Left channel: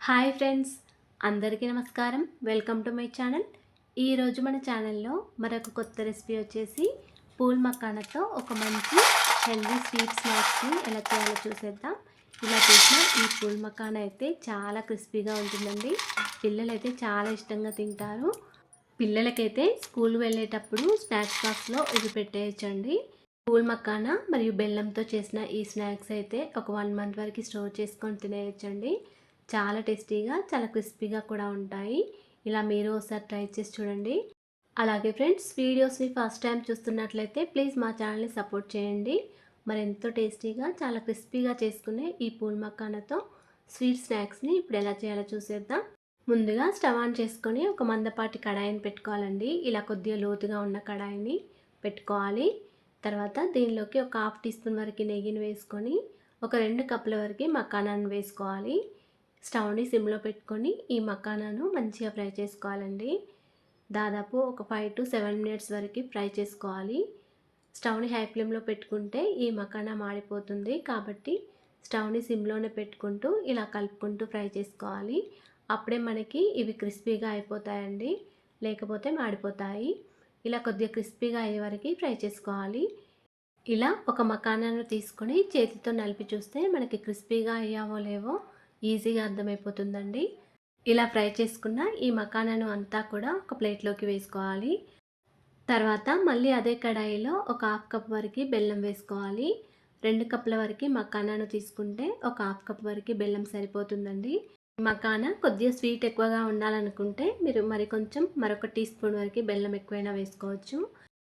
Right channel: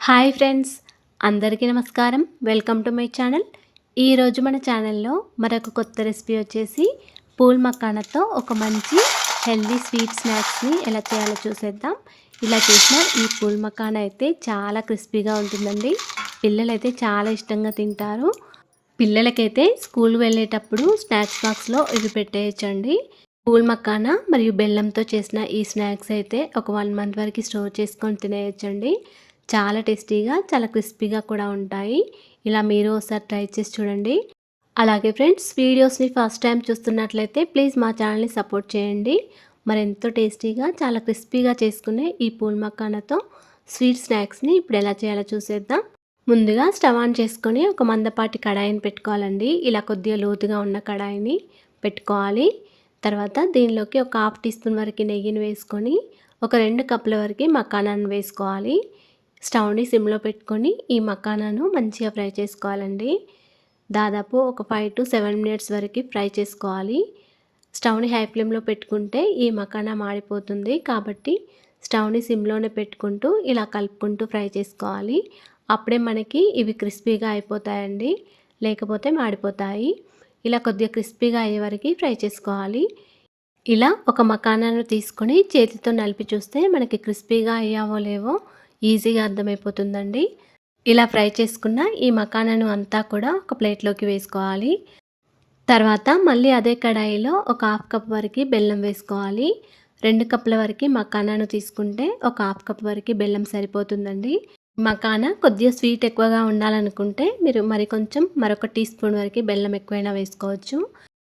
Hi friends, అందరికీ నమస్కారం. Welcome to my channel. ఈరోజు మన ఛానల్లో మరొక కొత్త రెసిపీ వచ్చేసి పూల్ మకానాతో ఒక మంచి హెల్దీ స్వీట్ స్నాక్స్ని ఎలా చేయాలో చూసేద్దాం. ఇలా చేసిన ఈ పూల్ మకానా అయితే చాలా క్రిస్పీగా ఉంటుందండి. పిల్లలైతే చాలా ఇష్టంగా తింటారు. పిల్లలకైతే స్కూల్ వెళ్ళేటప్పుడు స్నాక్స్ బాక్స్లో ఇవి పెట్టేయచ్చండి. పూల్ మకానా మరియు బెల్లంతో చేసిన ఈ స్నాక్స్ అయితే ఒక 1 మంత్ వరకు స్టోర్ చేసుకొని తినేయచ్చండి. చాలా టేస్టీగా, చాలా క్రిస్పీగా కూడా ఉంటాయి. ఇలా మీరు ఒకసారి ట్రై చేసి చూడండి. అలాగే ఫ్రెండ్స్, వీడియోస్ని ఫస్ట్ టైం చూస్తున్నట్లయితే ప్లీజ్ మా ఛానల్ని సపోర్ట్ చేయండి. మరెంతో టేస్టీగా, చాలా క్రిస్పీగా చేసుకునే ఈ పూల్ మకానాతో స్వీట్ స్నాక్స్ని ఇప్పుడు ఎలా చేయాలో చూసేద్దాం. ముందుగా స్టవ్ ఆన్ చేసుకొని ఒక మందపాటి కడాయిని పెట్టుకోవాలండి. ఇలా కొద్దిగా లోతుగా ఉన్న కడాయిని పెట్టుకోవాలి. తర్వాత దీనిలోకి ఒక 1/2 టీ స్పూన్ వరకు నెయ్యిని వేసుకొని ఒక 2 కప్పుల వరకు మకానాన్ని వేసుకోవాలి. స్టవ్ని సిమ్లో పెట్టుకొని ఈ మకానాను మంచిగా ఫ్రై చేసుకోవాలండి. దాదాపు ఒక 5 to 7 మినిట్స్ వరకు ఫ్రై చేసుకోవాలి. స్టవ్ని హై ఫ్లేమ్లో పెట్టుకుంటే ఈ మకానా మాడిపోతుంది. కాబట్టి స్టవ్ని సిమ్లోనే పెట్టుకుంటూ ఇలా కలుపుకుంటూ ఫ్రై చేసుకోవాలి. అప్పుడే మనకి ఇవి క్రిస్పీగా అయిపోతాయండి, లేకపోతే మాడిపోతాయి. ఇలా కొద్దిగా క్రిస్పీగా అయ్యే వరకు ఫ్రై చేసుకోవాలి. ఇలా ఒక మకానాను తీసుకొని చేతితో నలిపి చూస్తే మనకి క్రిస్పీగా అయ్యావో లేవో ఈజీగా అర్థమైపోతుందండి. ఇలా ఫ్రై చేసుకున్న ఈ మకానాను అంతా కూడా ఒక ప్లేట్లోకి వేసుకోవాలి. తర్వాత మళ్ళీ అదే కడాయిలో ఒక 1/2 కప్ వరకు బెల్లం వేసుకోవాలి. 2 కప్పుల వరకు మకానాను తీసుకుంటే ఒక 1/2 కప్ వరకు బెల్లం సరిపోతుందండి. మకానా కొద్దిగా స్వీట్ ఎక్కువగా ఉండాలనుకుంటే మీరు మరొక టీ స్పూన్ వరకు బెల్లం ఎక్కువైనా వేసుకోవచ్చు.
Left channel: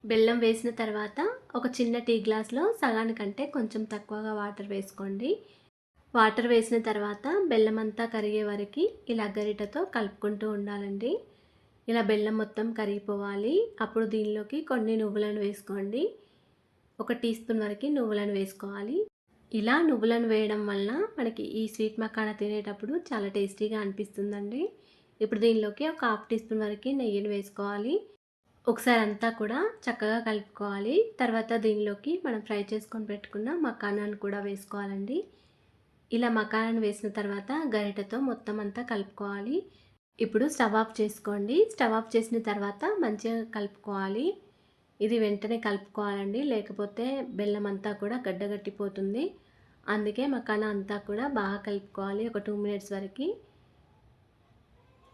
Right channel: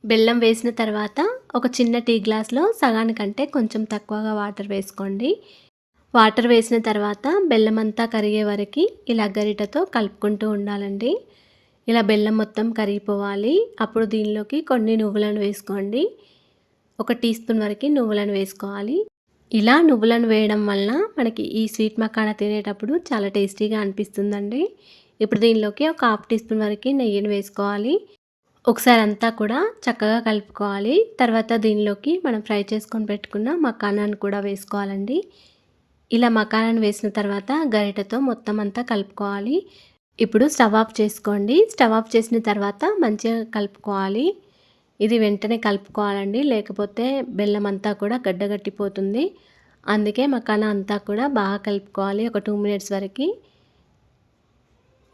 బెల్లం వేసిన తర్వాత ఒక చిన్న టీ గ్లాస్లో సగానికంటే కొంచెం తక్కువగా వాటర్ వేసుకోండి. వాటర్ వేసిన తర్వాత బెల్లం అంతా కరిగే వరకు ఇలా గరిటతో కలుపుకుంటూ ఉండాలండి. ఇలా బెల్లం మొత్తం కరిగిపోవాలి. అప్పుడు దీనిలోకి కొన్ని నువ్వులను వేసుకోండి. ఒక టీ స్పూన్ వరకు నువ్వులను వేసుకోవాలి. ఇలా నువ్వులను వేయడం వలన మనకి ఈ స్వీట్ మకానా తినేటప్పుడు చాలా టేస్టీగా అనిపిస్తుందండి. ఇప్పుడు దీనిలోకి ఒక 1/2 టీ స్పూన్ వరకు నెయ్యిని వేసుకోవాలి. ఒకసారి అంతా కూడా చక్కగా కలుపుకోవాలి. తర్వాత దీనిలోకి మనం ఫ్రై చేసుకొని పెట్టుకున్న మకానాను కూడా వేసుకోవాలండి. ఇలా మకానాను వేసిన తర్వాత గరిటెతో మొత్తం అంతా కలుపుకోవాలి. ఇప్పుడు స్టవ్ ఆఫ్ చేసుకోండి. స్టవ్ ఆఫ్ చేసిన తర్వాత మంచిగా కలుపుకోవాలి. ఇది వెంటనే కలుపుకోవాలండి, లేకపోతే బెల్లం అంతా కూడా గడ్డగట్టిపోతుంది. అందుకే మకానా అంతా కూడా బాగా కలుపుకోవాలి ఒక 2 మినిట్స్ వరకు.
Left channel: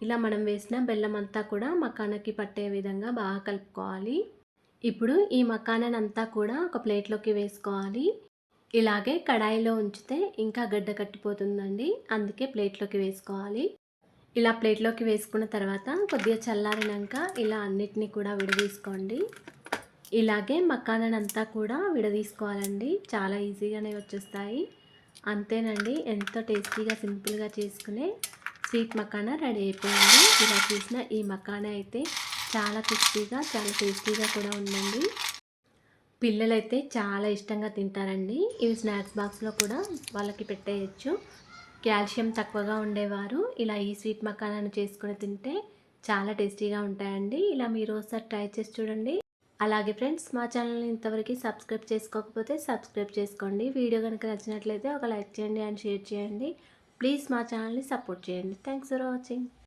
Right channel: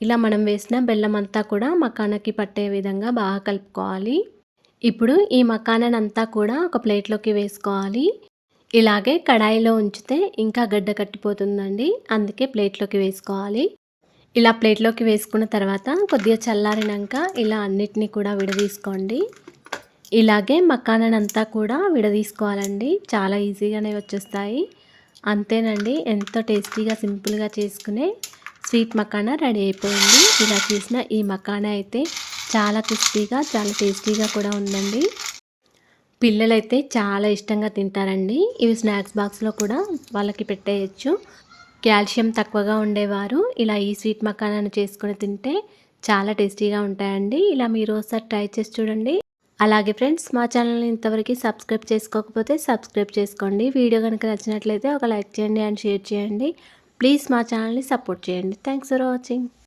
ఇలా మనం వేసిన బెల్లం అంతా కూడా మకానాకి పట్టే విధంగా బాగా కలుపుకోవాలి. ఇప్పుడు ఈ మకానానంతా కూడా ఒక ప్లేట్లోకి వేసుకోవాలి. ఇలాగే కడాయిలో ఉంచితే ఇంకా గడ్డ కట్టిపోతుందండి, అందుకే ప్లేట్లోకి వేసుకోవాలి. ఇలా ప్లేట్లోకి వేసుకున్న తర్వాత కొద్దిగా చల్లారినాక ఇలా అన్నిటినీ కూడా విడదీసుకోండి. ఇలాగే మకానానంతా కూడా విడదీసుకోవాలండి. చాలా ఈజీగానే వచ్చేస్తాయి. అంతేనండి, ఎంతో టేస్టీగా సింపుల్గా చేసుకునే స్వీట్ మకానా రెడీ అయిపోయింది. ఇలా చేసిన ఈ మకానా అయితే చాలా క్రిస్పీగా, చాలా టేస్టీగా కూడా ఉందండి. పిల్లలైతే చాలా ఇష్టంగా తింటారండి. ఇవి స్నాక్స్ బాక్స్లో కూడా వాళ్ళకి పెట్టేయచ్చు. కాల్షియం తక్కువగా ఉండేవారు ఇలా ఈ స్వీట్ మకానాను చేసుకొని తింటే చాలా టేస్టీగా ఉంటాయండి. ఇలా మీరు ఒకసారి ట్రై చేసి చూడండి. అలాగే ఫ్రెండ్స్, మా ఛానల్ని ఇంతవరకు సబ్స్క్రైబ్ చేసుకోకపోతే సబ్స్క్రైబ్ చేసుకోండి. వీడియో కనుక నచ్చినట్లయితే ఒక లైక్ చేయండి అండ్ షేర్ చేయండి. ప్లీజ్ మా ఛానల్ని సపోర్ట్ చేయండి. Thanks for watching.